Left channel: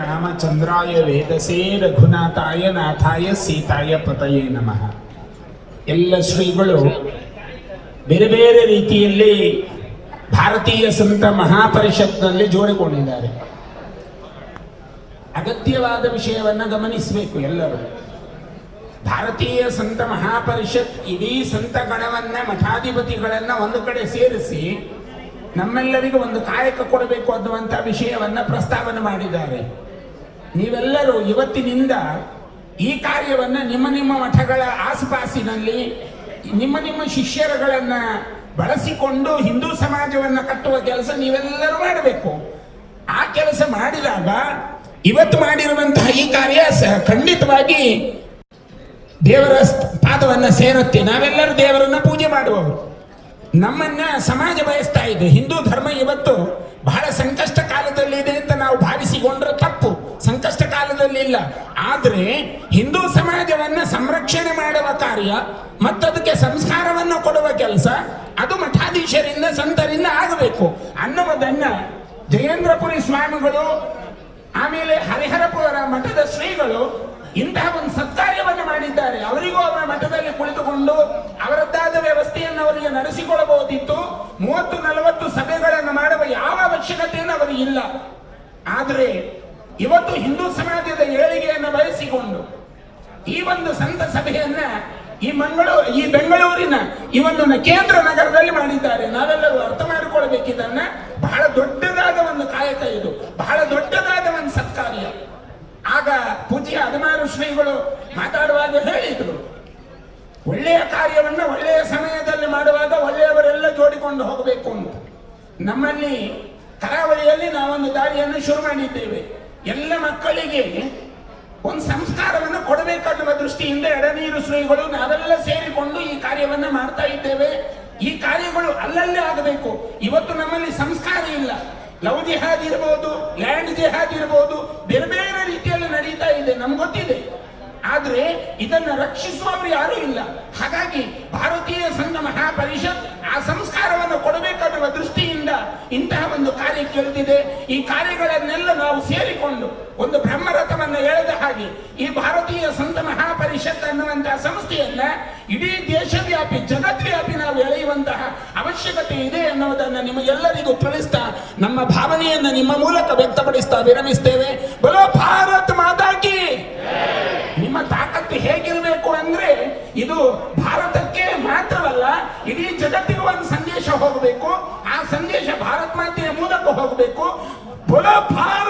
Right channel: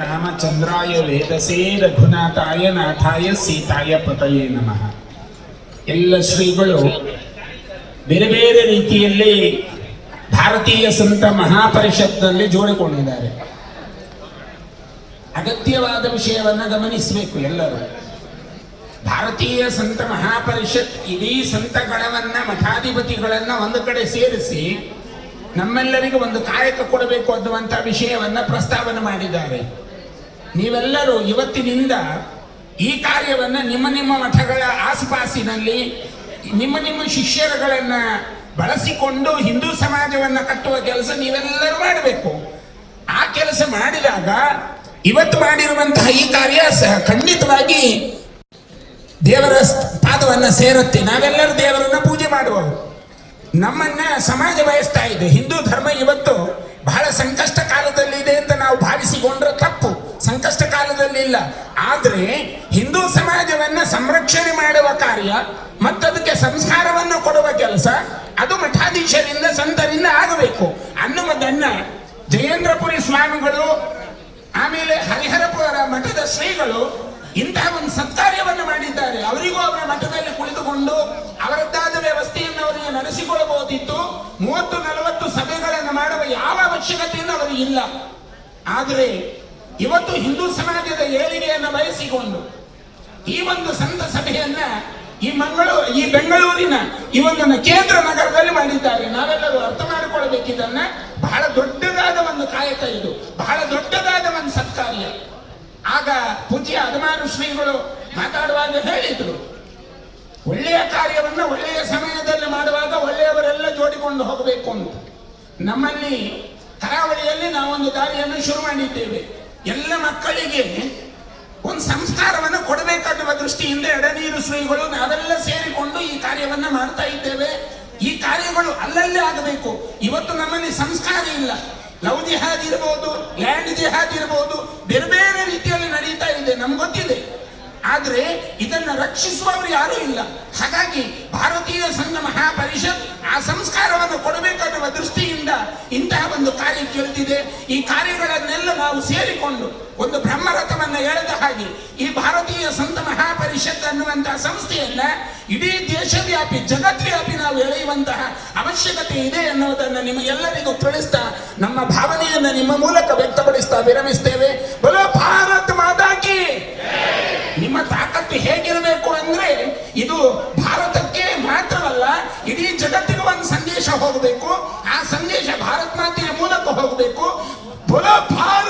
ರಾಮಚಂದ್ರಾಯ ವೇದಸೇ ರಘುನಾಥಾಯ ನಾಥಾಯ ಸೀತಾಯ ಪತಯೇ ನಮಃ. ಎಲ್ಲ ಶ್ರೀಗಳು ಬೇರೆ ಬೇರೆ ರೀತಿಯಲ್ಲಿ ಭಾರತೀಯ ಸಂತ ಮಹಾಪರಿಷತ್ನಲ್ಲಿ ಜೋಡಿಕೊಂಡಿದ್ದಾರೆ. ಅಗತ್ಯವಾದ ವಿಷಯವನ್ನ ಗಮನಿಸಬೇಕು ಎಲ್ಲರೂ. ಭಾರತೀಯ ಸಂತ ಮಹಾಪರಿಷತ್ ಇಡೀ ಗಣವನ್ನ ಮಠಾಧಿಪತಿಗಳನ್ನ ಒಂದು ಕಡೆ ಸೇರಿಸಿ ನಮ್ಮೆಲ್ಲರಿಗೂ ಒಂದು ಕಾಯಕ ಕೊಡಬೇಕು ಅನ್ನುವಂಥ ವಿಷಯವನ್ನ ಪ್ರಸ್ತಾವನೆ ಮಾಡಿದ್ದಾರೆ. ನೀವೆಲ್ಲರೂ ಇವತ್ತಿನಿಂದ ಈ ಕಾರ್ಯವನ್ನ ನಿಮ್ಮ ನಿಮ್ಮ ಮಠಗಳ ಆಸುಪಾಸಿನಲ್ಲಿ ನಿಮ್ಮ ನಿಮ್ಮ ಶಿಷ್ಯರುಗಳನ್ನು ಬಳಸಿಕೊಂಡು ಹಿಂದೂ ಸಮಾಜವನ್ನ ಕಟ್ಟುವ ಕೆಲಸ ನೀವೆಲ್ಲರೂ ಮಾಡಬೇಕು. ಆ ಕೆಲಸ ಮಾಡಿದಾಗ ಇವತ್ತು ಮಾಡಿರುವಂತಹ ಈ ಕಾರ್ಯ ಸಹ ಖಂಡಿತವಾಗಿ ದೇವರ ಪಾದವನ್ನ ಸೇರುತ್ತೆ. ಮಾಡುವವರು ನಮ್ಮನ್ನ ಸಮಾಜ ಬಯಸ್ತಾ ಇದೆ. ಹಿಂದೂ ಧರ್ಮ ಇವತ್ತು ಬಹಳ ಸಂಕಷ್ಟ ಕಾಲದಲ್ಲಿ ಇದೆ ಅಂತ ನಾವು ಭಾವಿಸಿಕೊಂಡ್ರೆ ತಪ್ಪು. ಸಂಕಷ್ಟ ಕಾಲದಲ್ಲಿ ಇಲ್ಲ. ಆದ್ರೆ ಹಿಂದೂ ಸಮಾಜವನ್ನ ಸಂರಕ್ಷಣೆ ಮಾಡುವ ಕಾರ್ಯ ಮತ್ತದಕ್ಕೆ ಸಂಸ್ಕಾರವನ್ನು ಕೊಡುವ ಕೆಲಸ ಅದು ಮಠಾಧೀಶರಿಂದ ಸಂತರಿಂದ ಆಗಬೇಕು. ಅನ್ನುವುದನ್ನ ಜಯೇಂದ್ರಪುರಿ ಸ್ವಾಮಿಗಳು, ಆಮೇಲೆ ಹರಿಹರಪುರ ಮಠದ ಶ್ರೀಗಳು ಇಂತಹ ಒಂದು ಸತ್ಕಾರ್ಯವನ್ನು ಮಾಡಿದ್ದಾರೆ. ಅವರಿಗೂ ಅವರ ಮಠದಲ್ಲಿ ಕುಳಿತುಕೊಂಡು ನಡೆಸಿಕೊಳ್ಳಬಹುದಿತ್ತು. ಮೂವತ್ತು, ನಲವತ್ತು ಸಭೆಗಳನ್ನು ಮಾಡುವ ಯಾವ ಅವಶ್ಯಕತೆಯನ್ನು ಅವರು ಇಲ್ಲ. ಆದರೆ ಇವತ್ತು ಹಿಂದೂ ಸಮಾಜದ ಏಳಿಗೆಯನ್ನು ಬಯಸಿಕೊಂಡು ಈ ಒಂದು ಸಂತ ಸಭೆಯನ್ನ ಈ ಮಂಗಳೂರು ಈ ಬೆಂಗಳೂರಿನ ಈ ಒಂದು ಕೇಂದ್ರ ನಗರದಲ್ಲಿ ಮಾಡಿದ್ದಾರೆ. ನಾವೆಲ್ಲರೂ ಅರ್ಥ ಮಾಡಿಕೊಳ್ಳಬೇಕಿದ್ದನ್ನ ಬಹಳ ದೊಡ್ಡದಾದ ಒಂದು ಕಾಯಕ ಇದು. ಬಹಳ ದೊಡ್ಡದಾದ ಒಂದು ಸತ್ಕಾರ್ಯ. ಆಗ ಪೂಜ್ಯ ಹದಿನಾರು ಶ್ರೀಗಳು ಮಾತಾಡುವಾಗ ಹೇಳಿದ್ರು, ಒಳ್ಳೆಯ ಕಾರ್ಯವನ್ನ ಒಳ್ಳೆಯ ಮಾಡುವಾಗ ಒಳ್ಳೆಯವರೆಲ್ಲ ಹೋಗಬೇಕು ಅಂತ ನಮ್ಮಲ್ಲಿ ಕರಾವಳಿಯಲ್ಲಿ ನಾವೊಂದು ದಾರಿಯನ್ನು ಶುರು ಮಾಡಿದ್ದೇವೆ. ಎಲ್ಲ ಮಕ್ಕಳಿಗೆ ಒಂದು ಸಂಸ್ಕಾರವನ್ನು ಕೊಡಬೇಕನ್ನುವ ದೃಷ್ಟಿಯಿಂದ ಎಡನೀರು ಶ್ರೀಗಳು ನಾವೆಲ್ಲ ಸೇರಿಕೊಂಡು ಈ ಕಾರ್ಯವನ್ನು ಮಾಡ್ತಾ ಇದ್ದೇವೆ. ಈ ಕಾರ್ಯಗಳು ಅಲ್ಲಲ್ಲೇ ಆಗಬೇಕು. ಇವತ್ತು ನಮ್ಮಲ್ಲಿ ಸಂಸ್ಕಾರ ಇಲ್ಲ. ಲವ್ ಜಿಹಾದ್ ಇರಬಹುದು ಲ್ಯಾಂಡ್ ಜಿಹಾದ್ ಬೇರೆ ಬೇರೆ ರೀತಿಯಲ್ಲಿ ನಡೀತಾ ಇದೆ. ನಮ್ಗೆ ಗೊತ್ತಿದೆ. ಆದ್ರೆ ಇದನ್ನ ರಕ್ಷಿಸುವವರು ಯಾರೂ ಇಲ್ಲ. ಹಾಗಾಗಿ ಭಾರತೀಯ ಸಂಘ ಮಹಾಪರಿಷತ್ ಆ ಸಂಸ್ಕಾರವನ್ನು ಕೊಡಬೇಕನ್ನುವ ದೃಷ್ಟಿಯಿಂದ ಇಂತಹ ಒಂದು ಕಾರ್ಯ ಕೇಳ್ತಿದೆ ಈ ಕಾರ್ಯಗಳನ್ನೆಲ್ಲ ನಾವು ಸೇರಿಕೊಂಡು ಒಂದು ಬ್ರಹ್ಮರಥವನ್ನು ಎಳೆದ ಹಾಗೆ ಈ ಭಾರತೀಯ ಸಂತ ಮಹಾಪರಿಷತ್ ಅನ್ನುವಂತಹ ಸಂಸ್ಥೆಯನ್ನ ಇಡೀ ದೇಶವ್ಯಾಪಿ ಜಗದ್ವ್ಯಾಪಿ ನಾವು ಎಳೆಯುವಂತಹ ಅವಶ್ಯಕತೆ ಇದೆ ಎನ್ನುವುದನ್ನು ನಿಮಗೆಲ್ಲರಿಗೂ ತಿಳಿಸ್ತಾ ನಮ್ಮ ಭಾವನೆಯನ್ನ ನಿಮ್ಮ ಮೂಲಕ ವ್ಯಕ್ತಪಡಿಸ್ತಾ ವಿರಮಿಸ್ತೇವೆ ಒಂದು ಸಂದೇಶ